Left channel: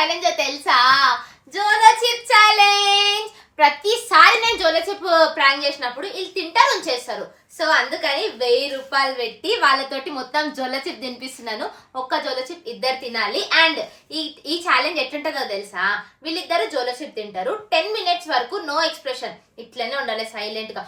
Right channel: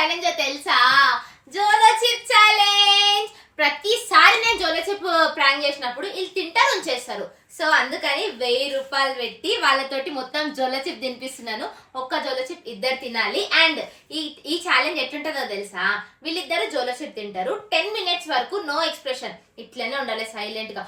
Challenge తెలుసా? జోలో chip challenge. ప్రతిసారి నేను జోలో చిప్ ప్రాంక్ చేసినప్పుడు వీళ్ళు తింటారు ఉంచేస్తారు. సో అందుకని 1000 రూపాయలు పెట్టి వాళ్ళతోటి మొత్తం జోలో చిప్ తినిపిస్తున్నాను. ఒక్క జోలో చిప్ ఇద్దరు తినాలి. అండ్ ఈ ఛాలెంజ్ ఎట్లుంటుందో తెలుసా? వీళ్ళిద్దరు జోలో చిప్ తింటారు. 10 మినిట్స్ వరకు నో ఎక్స్ప్రెషన్, ఇట్లనే ఉండాలి. సైలెంట్ గా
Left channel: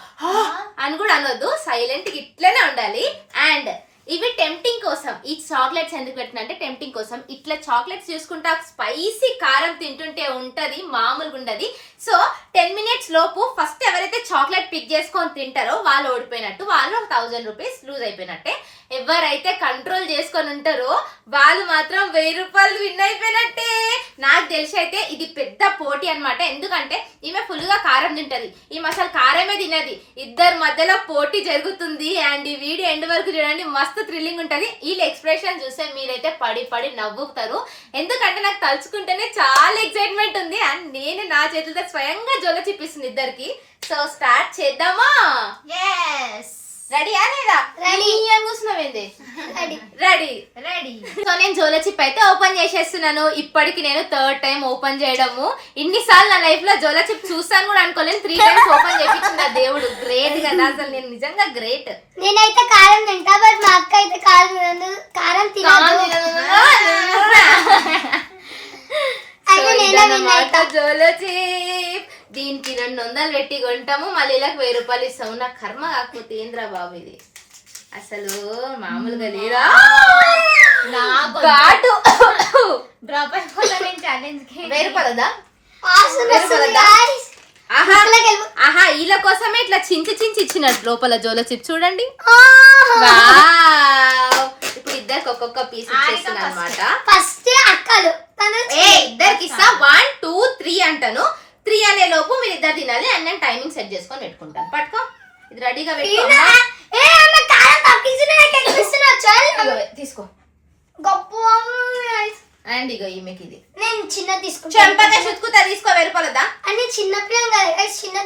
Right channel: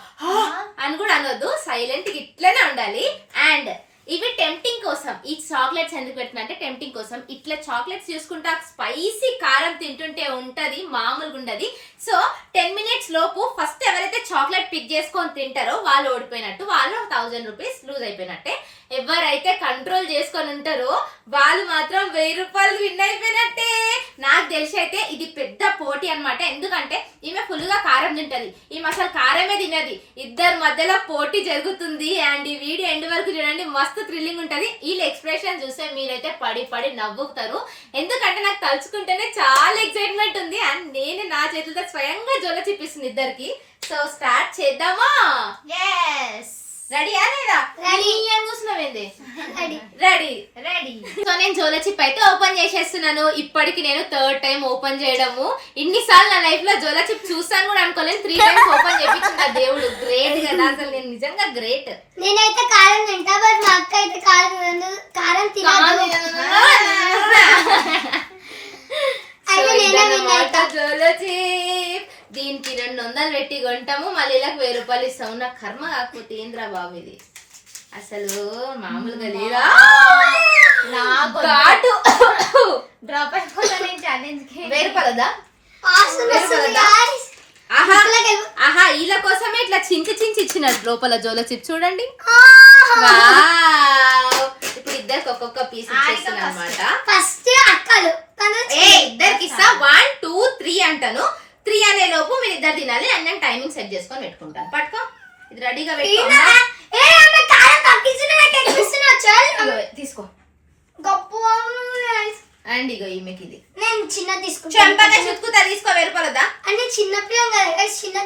అని కూడా అనొద్దు, సైలెంట్ గా ఇట్లనే ఉండాలి. అండ్ ఇవి టెంప్టింగ్ కోసం. ఈ చాక్లెట్స్ ఎందుకు పెట్టినా అంటే టెంప్టింగ్ కోసం. ఇట్లా చాక్లెట్స్ చూసుకుంటా స్పైసీ కారం తింటుంటే ఉంటది, మామూలుగా ఉండదు. సో 10 మినిట్స్ లోపు ఫస్ట్ ఎవరైతే చాక్లెట్ పిక్ చేసుకొని తింటారో వాళ్ళు ఓడిపోయినట్టు, వాళ్ళు 1000 రూపీస్ లూజ్ అయిపోయినట్టే. ఎవరైతే కంట్రోల్ చేసుకొని ఉంటారో వాళ్ళు మాత్రం 1000 రూపాయలు విన్ అయిపోయినట్టే. నాకు తెలిసి అయితే ఇది పెద్ద పోటీ అనమాట. ఎందుకంటే ఈమె ఫుల్ గా కారం తింటది, ఈమె అసలు కారమే తినది. ఇద్దరు మధ్యలో పోటీ జరుగుతుంది. అండ్ ఈ వీడియో ఎండ్ వరకు చూడండి, మస్తు థ్రిల్లింగ్ ఉంటది. వీళ్ళ ఎక్స్ప్రెషన్ చూస్తే మీరైతే పడి పడి నవ్వుతారు. ఎందుకంటే నాకు తలుచుకుంటేనే చాలా ఎక్సైట్మెంట్ ఉంది. అండ్ నేను నా చేతులతో స్వయంగా జోల చిప్పిస్తుంది ఇద్దరికి. సో స్టార్ట్ చేద్దామా? రెడీ లేదా? రెడీ అని కూర్చున్నావేంది? Ready ready. సో నేను జోలో చిప్ అయితే ఓపెన్ చేసేస్తున్నాను. ఇప్పటికి నేను 3rd టైం ఓపెన్ చేయడము. ఇన్నిసార్లు నా లైఫ్ లో జోలో చిప్ చూస్తాను కూడా అనుకోలేను. 3 టైమ్స్ ఓపెన్ చేయించిన దేవుడు గ్రేట్ కదా. అసలు నేను నిజంగా గ్రేట్. నేనైతే కారం తింటా, బట్ మా అక్క అయితే కారం జోలో చిప్. దీనికి 200 పెట్టి కొంటాము, మళ్ళీ ఇలా 1000 రూపాయలు ఇస్తాము. నా కర్మ కాకపోతే ఏంద్రా బాబు ఇది, అసలు మామూలుగా లేదా? డ్రాప్ అయిపోతాను ఛాలెంజ్ కి. 1000 రూపాయలదా? ఆహా, వీళ్ళ కోసమే ఇట్లా చించి ఇచ్చినట్టు లోపల జోలో చిప్ చూడండి. ఇప్పుడు ఇద్దరికి ఒక్కొక్క పీస్ ఇచ్చేస్తున్నా అనమాట. ఫస్ట్ అక్కలు ఇద్దరికి ఇస్తా. 1 2 3 అంటాను. 3 అనే లోపు మీరు ఇద్దరు తినాలి. అండ్ నేను టైమింగ్ సెట్ చేసుకొని పెట్టుకుంటాను. పట్టుకో, ఇది రెడీగా పెట్టుకో. తీసుకో. అండ్ ఇగో ఈమెకి ఇది నేను చిన్న తీసుకుంటా. చెంపగా చుట్టుకుతా. తీసుకో. 1000 రూపాయలదా? అంటే చిన్న పిల్లలు చిన్న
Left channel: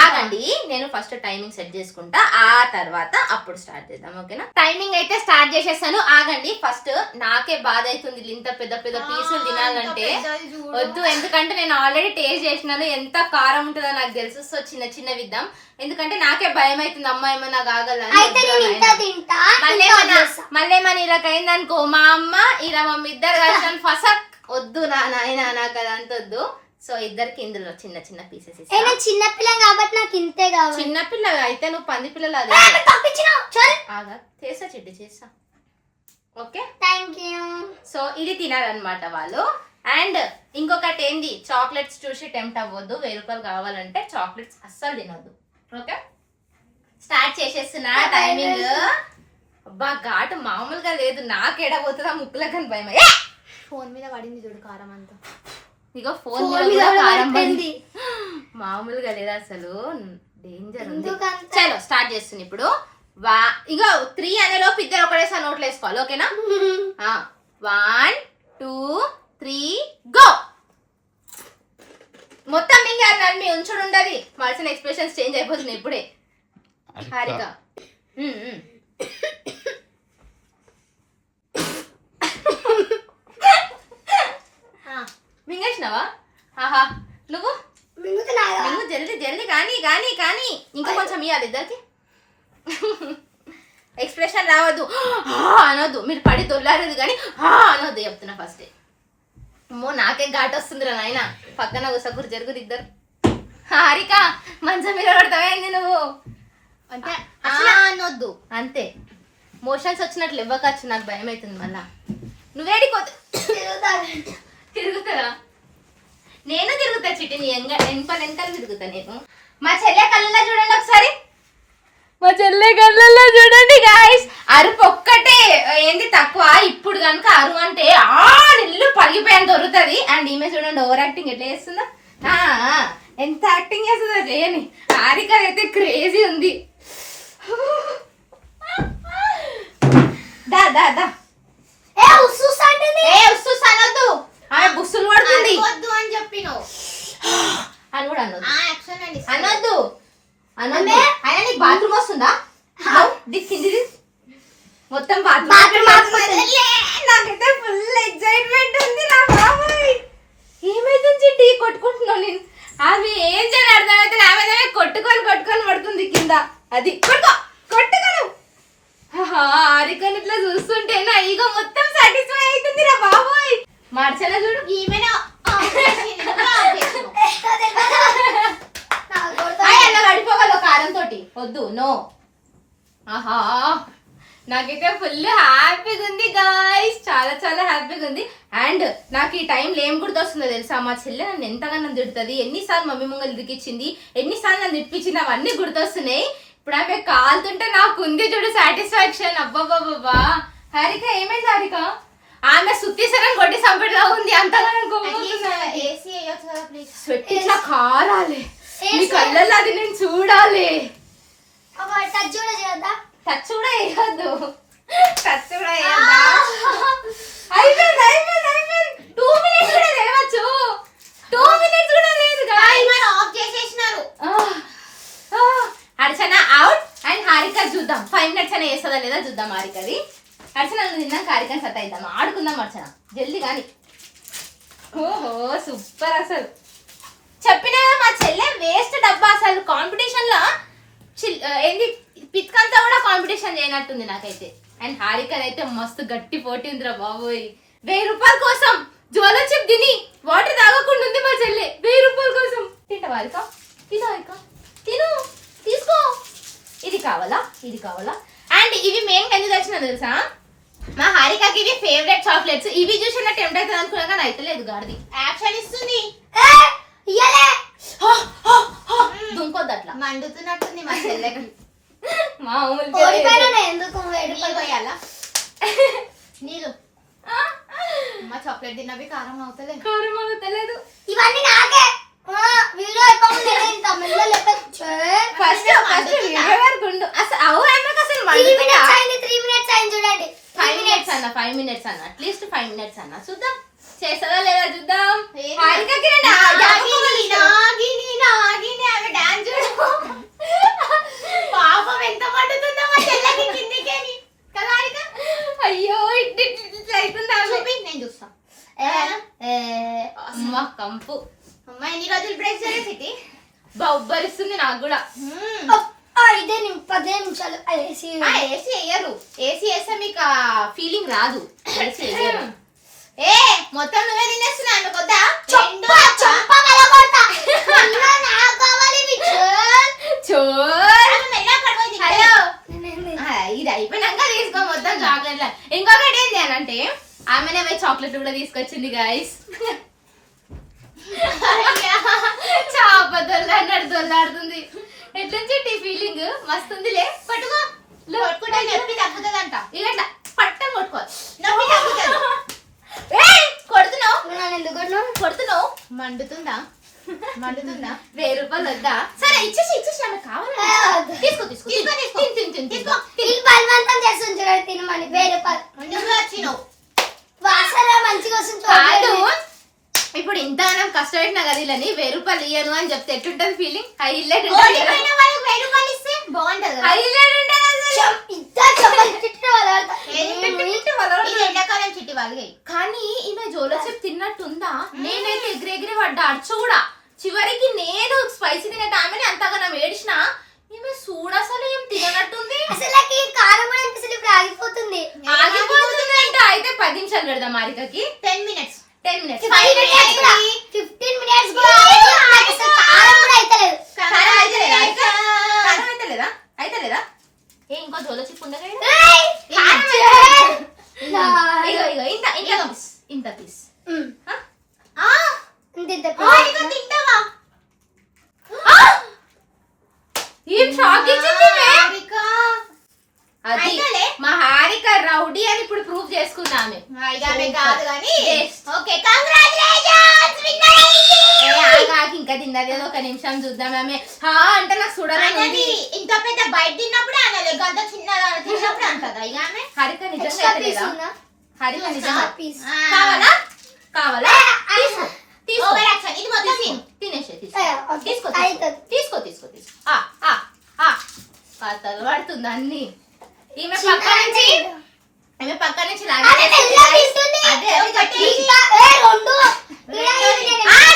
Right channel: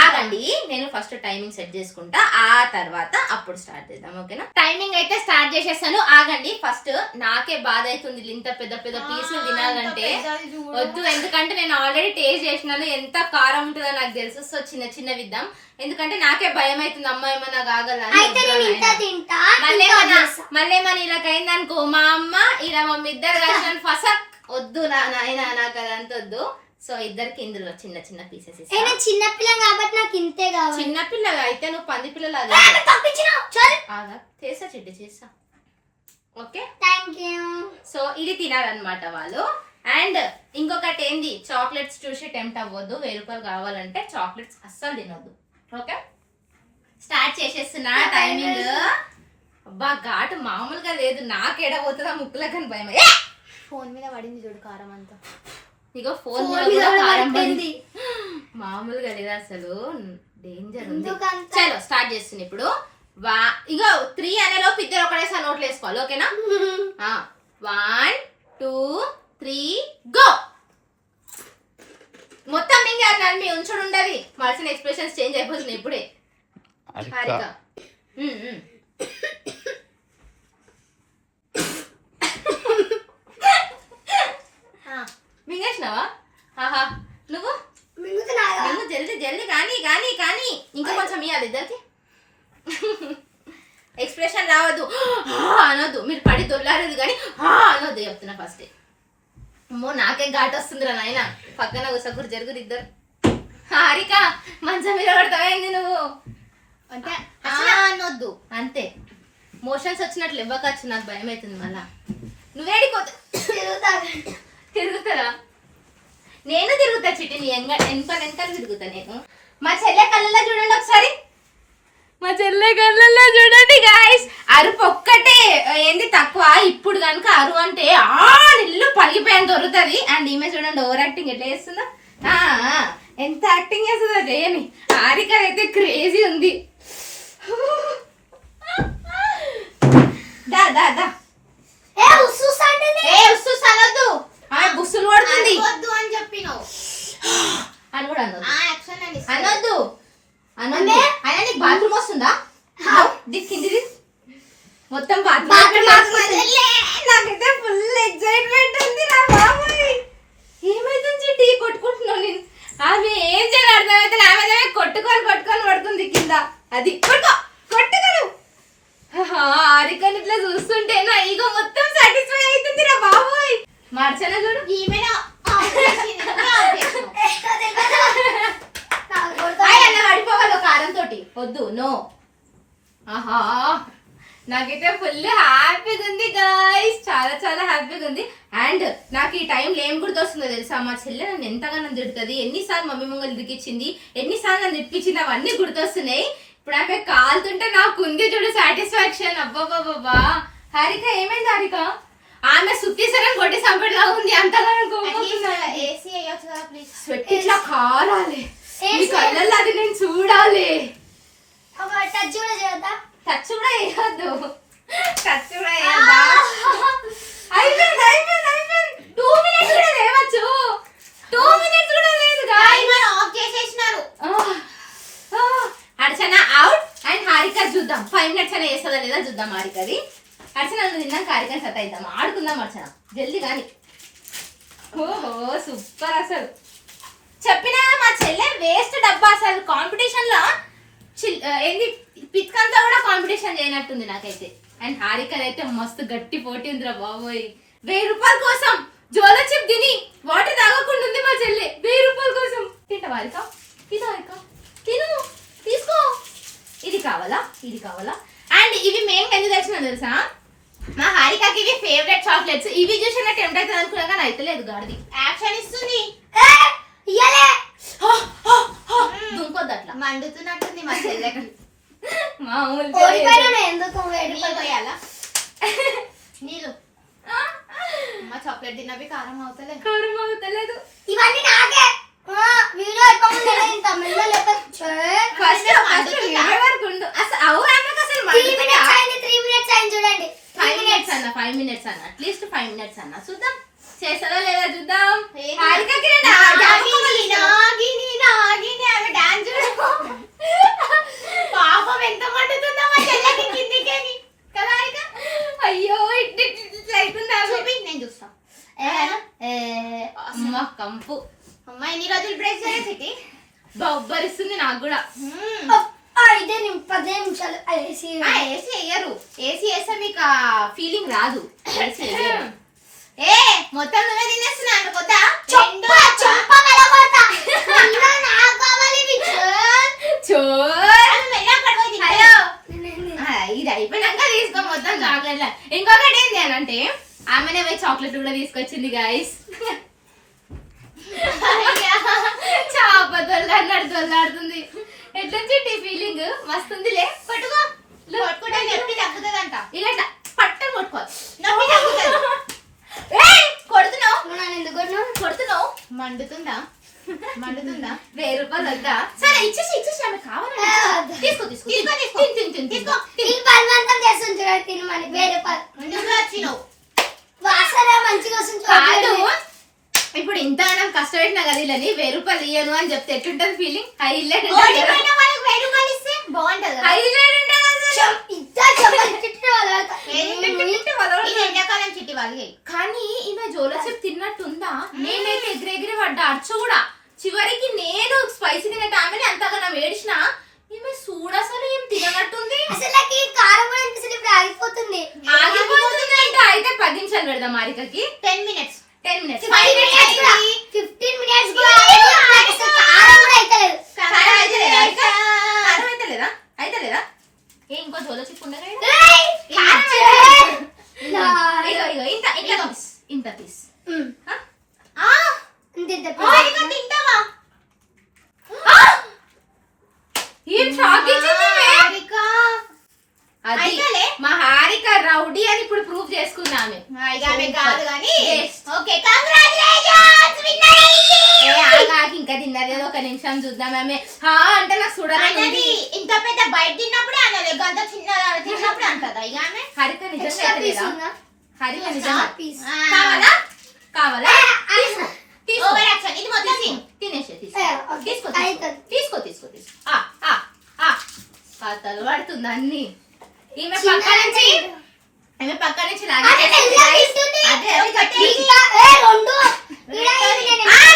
ఆగండి, నేను ఫస్ట్ టైమింగ్ సెట్ చేసుకుంటా, ఆ తర్వాత అప్పుడు స్టార్ట్ చేద్దాం. ఓకేనా? టైమింగ్ అయితే స్టార్ట్ చేసేస్తాను. ఆగండి, ఫస్ట్ నాకే బాధ అవుతుంది ఇంత పెద్ద పెద్ద పీసులు తినాలంటే. వద్దు, ఎందుకంటే నేను ఆల్రెడీ టేస్ట్ చేసినాను ఎంత కారం ఉంటుందో నాకు తెలుసు. సో చిన్న చిన్న విద్దాం, ఎందుకంటే నాకే భయం అవుతుంది. అమ్మ ఏమన్నా కాగలని. మళ్ళీ మన ఇలాగ అయిందనుకో, మా అమ్మ ఇలా మమ్మీ ఇద్దరు కలిసి ఫసక్. వద్దు నాయన, నాకు అదంత వద్దు. సో ఇద్దరికి ఇందులో చిన్న చిన్న పీసెస్. చిన్న పిల్ల కాబట్టి నాకు ఇంతే కావాలి. చిన్న పిల్ల అయితే నువ్వు పంది పిల్లలు చేస్తా, చెడ్డి చేస్తా. Okay, thank you. సో ఇది తినాలన్నమాట వాళ్ళు. అండ్ ఇంకొకటి ఏంది, చాక్లెట్స్ చూసి టెంప్ట్ అవ్వద్దు. 1000 రూపాయలు కావాలంటే చాక్లెట్స్ అస్సలు తినొద్దు. ఓకే, స్టార్ట్ చేసేస్తున్నా. టైమింగ్. అబ్బా, ఘాటు మామూలుగా లేదు. నాకేడా పోతుందా ముక్కులో కానీ భయం. ఫోన్ మీద పడింది చూడు కారం అంతా. ఇగో ఫోన్ మీద కారం పడింది. మామూలుగా లేదా, అసలు డేంజర్ ఉంది. చలో స్టార్ట్ చేస్తుంది ఇప్పుడు. ఇగో 3 అనే లోపు ఇద్దరు ఒకటేసారి నోట్లు వేసుకోవాలి. ఓకేనా? 1 2 3 గో. మొత్తం మింగారు, మీ ఉంచుడు ఉండదు. మల్సిన ఎక్స్ప్రెషన్స్ చేంజ్ అయిపోతున్నాయి ఇప్పుడే. హారిక మింగేసినావా? ఆహా, నువ్వు జల్దీ జల్దీ కానీ ఇంకా కొంచెం ఇవ్వాలి ఇద్దరికి. ఎక్స్ప్రెషన్ రావద్దు, అనొద్దు. మీరు పడి దొల్లారదు కానీ అనొద్దు చెప్తున్నా ఫస్ట్. అమ్మో, నాకే ఘాట్ వస్తుందిరా నాయన. పక్కన గుసగురు జరుగురు ఇద్దరు. హారిక, మంచం మీద పడతావేంది నువ్వు? అంటే అనొద్దు అంతే. మోషన్స్ వచ్చినట్లు ఇవ్వకచ్చు, నాకు భయం అవుతుంది. మళ్ళా నువ్వేడిపోతే తిరుగుతారా? నేను తిరుగుతా చిట్టి, నీ వెనకాల తిరుగుతా నేను. మా చెల్లె కళ్ళల్లో చూడండి ఒకసారి, మా చెల్లె కళ్ళల్లో చూడండి గాయస్. అరుపు ఒక్కటే ఏంది తక్కువ. ఇప్పుడు కనుక అరువు అంటే ఇల్లు పలిగిపోయాను దొరుకుతుంది. అండ్ ఈమె చూడండి ఓవర్ యాక్టింగ్ ఎట్లా చేస్తుందో. ఎంత యాక్టింగ్ చేస్తుందో చేయని. హారిక అయితే క్రేజీ ఉంది. దా దా దా. అనొద్దు, బుస్సులు పడుతుంది అని చెప్పినావు అని కూడా అనొద్దు. అనొద్దు అనొద్దు. అయినా నీకు బాత్రూమ్ వస్తుందా? దిక్కింది మొత్తం బాత్రూమ్. నాకైతే ఫుల్ ఎక్సైట్మెంట్ ఉంది. ఆమె ఏం చేయాలి అర్థమైతే ఆమె కొట్టుకొని పడుతుంది కింద. అది కొట్టుకోను. హారికని ఇట్లా చూస్తుంటే నా ఈగో మొత్తం సాటిస్ఫై అవుతుంది రా బాబోయ్. మార్చన చూడు ఈమెనా పడిపోవాలి కారం తోటి వద్దు నో. ఆహా నాకైతే ఫుల్ హ్యాపీగా ఉంది గాయ్స్, చాలా చాలా హ్యాపీగా ఉంది. అండ్ నాకు ఈ టైంలో ఏం గుర్తొస్తుందో తెలుసా, మా చెల్లె నన్ను ఎంతగానో తిడుతుంది, ఎన్నిసార్లు మమ్మీ ముంగలు తిరిగిచ్చింది, ఎన్నిసార్లు నన్ను తిప్పించింది, అవన్నీ గుర్తొస్తున్నాయి. ఇప్పుడు ఆమె కాలుతుంటే నాకు ఉంది చూడు సాటిస్ఫాక్షన్. అబ్బాబాబా హారిక ఏమైంది హారిక? ఆమె సుత్తిసరం కొట్టి సంపేలా ఉంది, అంతగా ఇట్లా కారాలి ఈ కళ్ళల్లో, అది నేను చూడాలి. టచ్ కూడా వేయద్దు, టచ్ కూడా వేయద్దా? అయిపోయింది 2 minutes కూడా లేవచ్చు, 2 minutes కూడా లేదు ఆఫ్ చేసేసినారు. అర్చన అవుట్ అండ్ హారిక చూద్దాం 5 minutes అయినా వేస్తుందా లేదా చూద్దాం. హారికది అర్చన తిన్నాక హారికని సత్తా ఇద్దాం, ఆడుకుందాం అర్చన జల్దీ కానీ. ఓహో సూపర్, అసలు చెప్పినా మా చెల్లె వేస్ట్ డబ్బా. అసలు కాంపిటీషన్ లో ఏంది పిత్కంతా కూడా కాంపిటీషన్ చేయనట్టుంది నాకైతే. అండ్ హారికన్ అయితే మస్తు గట్టి పోటీ ఉందిరా బాబోయ్. 1000 రూపాయల కోసం జోలో చిప్ తిని వాటర్ తాగకుండా ఉంది మా చెల్లె. 1000 రూపాయల కోసం తింటావా హారిక? ఇది హారిక తిను, తీసుకో. ఇది కావాలా, ఇది కావాలా? అండ్ ఇవి మేము ఎందుకు తెచ్చినా తెలుసా, మా హారికకి ఇవి ఫేవరెట్ చాక్లెట్స్. ఇవి చూసి నా టెంప్ట్ అవుతుంది అనుకున్నా కానీ అయితే లేదు. గాడిది యాక్షన్ ఇస్తుంది, దుంకొద్దు అట్లా, మండుతున్నట్టుంది మా చెల్లెకి. నీళ్ళు మా చాక్లెట్ తిన్నవి కారం అవుతలేదు. ఇవన్నీ నాకే వీడియో చూడండి. 5 minutes అన్న, 5 minutes అన్న, అట్లీస్ట్ 5 minutes అన్న. చూద్దాం చేస్తారా లేదా చూద్దాం. పాపం ఎంత పడుతుందో మా చెల్లెకి కిందికి కదా హారిక. అయ్యో ఇట్లా చూపి నేను చూస్తా. అమ్మ కంపు, అమ్మ ఎన్ని రోజులు బ్రేక్ చేసి బొబ్బరిస్తుంది నాకు కూడా. 10 నిమిషాలు ఏసీ వేయరు, ఏసీ వేస్తే మీకు ఆ ఫీలింగ్ రాదు. ఏసీ వేయరు. ఏ మొత్తం నువ్వే తినేస్తున్నాను కొద్దా ఇది అయిపోయినాక తీసుకో మొత్తం చాక్లెట్. ఇంకొకటి ఏంటి అని అంటే ఆమెనే పోయి చాక్లెట్ కూడా తీసుకొచ్చింది గాయస్. చాప దొల్లాడినట్టు దొల్లాడుతుంది. ఎట్లా చెట్టి ఫీలింగ్ మస్తు ఉందిలే. పట్టుకో, నొప్పి తగ్గుతుందంట. ఇలా పట్టం కొట్టుకోవాలి, నొప్పి తగ్గుతుంది. కొడుతున్నావు మండుతుందా? 1000 రూపాయలు వద్దా? సరే ఇచ్చేసి ఆమె కావాలి. తీసుకో బలవంతం చేస్తుంది తినమని. 1000 రూపాయలు మంచిగా కాదు. ఇప్పుడు ఇంత కష్టపెట్టినా కదా ఇలా 1000 రూపాయలు ఇయ్యను అని చెప్తే ఎట్లుంటది ఫీలింగ్? హైలైట్ 1000 రూపాయలు ఇస్తే బాగుంటది. హైలైట్ ఎండాకాలం చిట్టి వాళ్ళకి. కానీ ఈమె జోలో చిప్ తిన్నట్టుందా? నేనైతే ఎగిరెగిరి పడ్డా, అచ్చు కూడా. చివరికి నేను స్పైసీ తినేట ఆమెని అంతగా నా ఏడిచిన. ఈమె చూడ అసలు ఏం తిననట్టుంది. అసలు కారం కూడా అనిపిస్తుంది. ఇప్పుడు ఆగిపోతుంది అంటే అయితే 10 నిమిషాలు పెడదాం హారికకి. 10 minutes 15 minutes అయితే లేదా ఏ ఇంకో జోలో చిప్ ఉండగా ఇంత పీస్ తింటావా? ఏం షాక్ ఇచ్చింది అది. మా హారిక రౌడీ అని ఇప్పుడు ప్రూఫ్ చేసుకున్నామే. కాదు కానీ ఇంకా తిన్నది ఒక నిమిషం చూద్దాం. ఆమె అంటే నాకు చూడాలని ఇంత పెద్ద బయట తిన్నప్పుడు అనలే, అంత చిన్న తిన్నప్పుడు అంటదా ఇక ఆమె. హారిక నిజంగా హారిక నిజంగా కావాలా? కావాలా? ఇది మొత్తం తినేసే. తీసుకో పాతలు పడుతుంది అన్ని. ఈమె పక్క నుంచి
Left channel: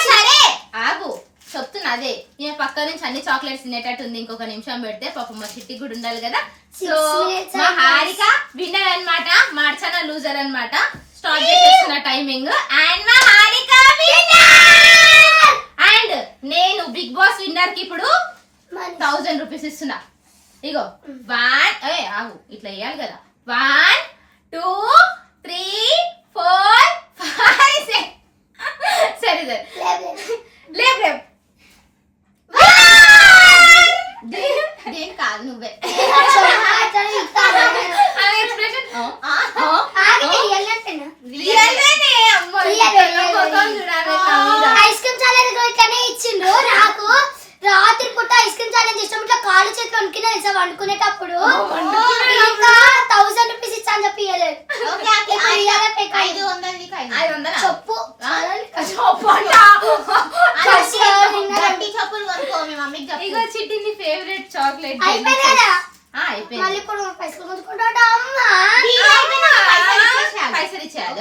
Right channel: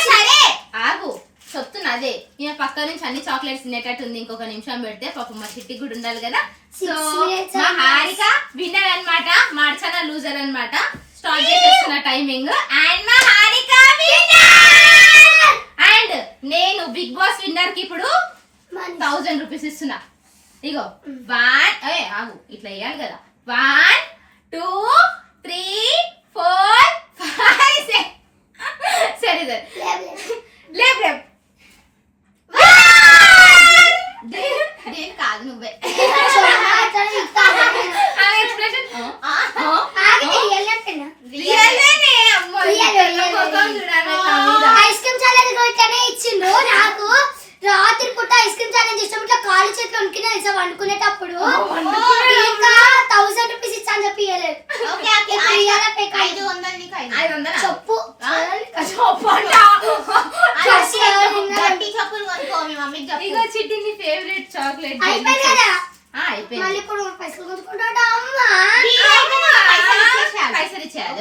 సరే ఆగు చెప్తున్నా చాక్లెట్స్ తినేటట్టు ఉంది. ఇంకొక నిమిషం పెడితే పాపం మా చిట్టి కూడా ఉండాలి కదా. 6 సో minutes మా హారిక విన్నర్ అన్నమాట, మా అర్చన లూజర్ అన్నమాట. స్టార్ట్ చేసేస్తున్న టైమింగ్. అండ్ మా హారిక విన్నర్. అండ్ నేను బిగ్ బాస్ విన్నర్ కి ఇప్పుడు 1000 రూపీస్ ఇస్తున్నా. ఇగో 1 ఆగు ఇట్లా వేయాలి కదా. 1 2 3 4 5 6 సరే సరే లేపు లేపు. దేని కాదు నువ్వే ఎక్స్ప్రెషన్ ఐస్ క్రీమ్ ఛాలెంజ్ ఇట్లానే ఇచ్చిండు నాకు. రాత్రి పూట ఐస్ క్రీమ్ ఛాలెంజ్ ఇష్టం ఇట్లా కాలు చేతులు వణుకునే తెలుసా వండుకునేటప్పుడు. ఇంకా 1000 రూపీస్ ఇచ్చా అని చెప్పి ఇవ్వలేదు. చెప్పు ఇగో చిట్టి నీ ఫేవరెట్ చాక్లెట్ అయిపోయింది కదా. అయిపోయింది. మళ్ళీ ఇప్పుడు పైసలు కొనుక్కుంటాడు అమ్మా. పైసలు ఇచ్చేయాలి.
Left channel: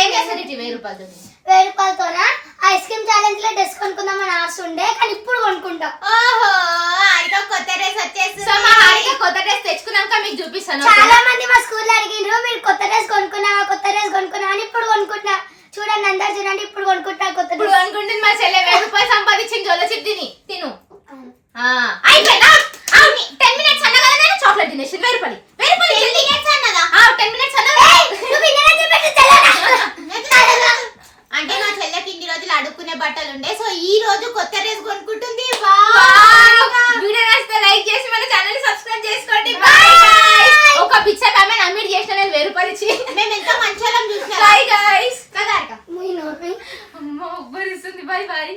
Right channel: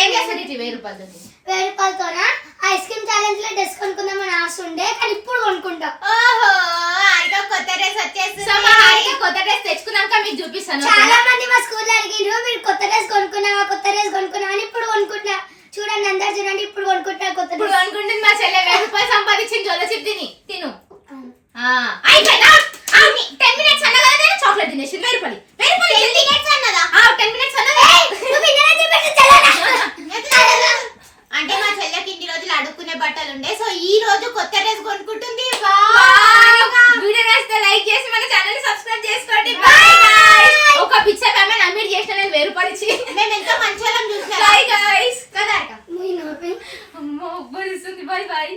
ఏం చేస్తారు ఇటు 1000 రూపాయలు 1000 రూపాయలతోనే ఐస్ క్రీమ్ ఛాలెంజ్ లో డ్రెస్ కొనుక్కుందామని ఆశ ఉండే, కానీ ఇప్పుడు కొనుక్కుంటాం. కొత్త డ్రెస్ తెచ్చుకున్నాక మీకు చూపిస్తాను. చాలా మంది మా స్కూల్లో అడిగిండ్రు మీరు కొత్త డ్రెస్ కొనుక్కున్నావా అని. ఇప్పుడు కొనుక్కుంటున్నా. చూడండి అందరు చూడండి ఇప్పుడు కొనుక్కుంటున్నా కొత్త ఇప్పుడు డ్రెస్. అనుకుంటుంది మా చెల్లె 1000 రూపాయలు సంపాదించింది. జోల చిప్ తిను. అయిపోయిందా? 10 మినిట్స్ అన్న కదా నేను చాక్లెట్ తినేసి 1000 రూపాయలు 10 మినిట్స్ అన్నదా? 10 మినిట్స్ అన్న. అంటే మా చెల్లెకి ఇన్ని రోజులు అడుక్కునే బట్టలు ఉండే, సో ఈ రోజు కొత్త డ్రెస్ కొనుక్కుంటుంది. వీడియో నచ్చితే లైక్ చేసి మన ఛానల్ ని సబ్స్క్రైబ్ చేసుకోండి. Bye guys. ఒక పిచ్చ కామెంట్ అడ్మిట్ చేసిన నేను 1000 రూపాయలు ఇచ్చి మేము ఎంత మంచి వాళ్ళం చూసినా. Bye guys. కదా మీ నోటి అమ్మ ఒబ్బరిస్తుంది. By by.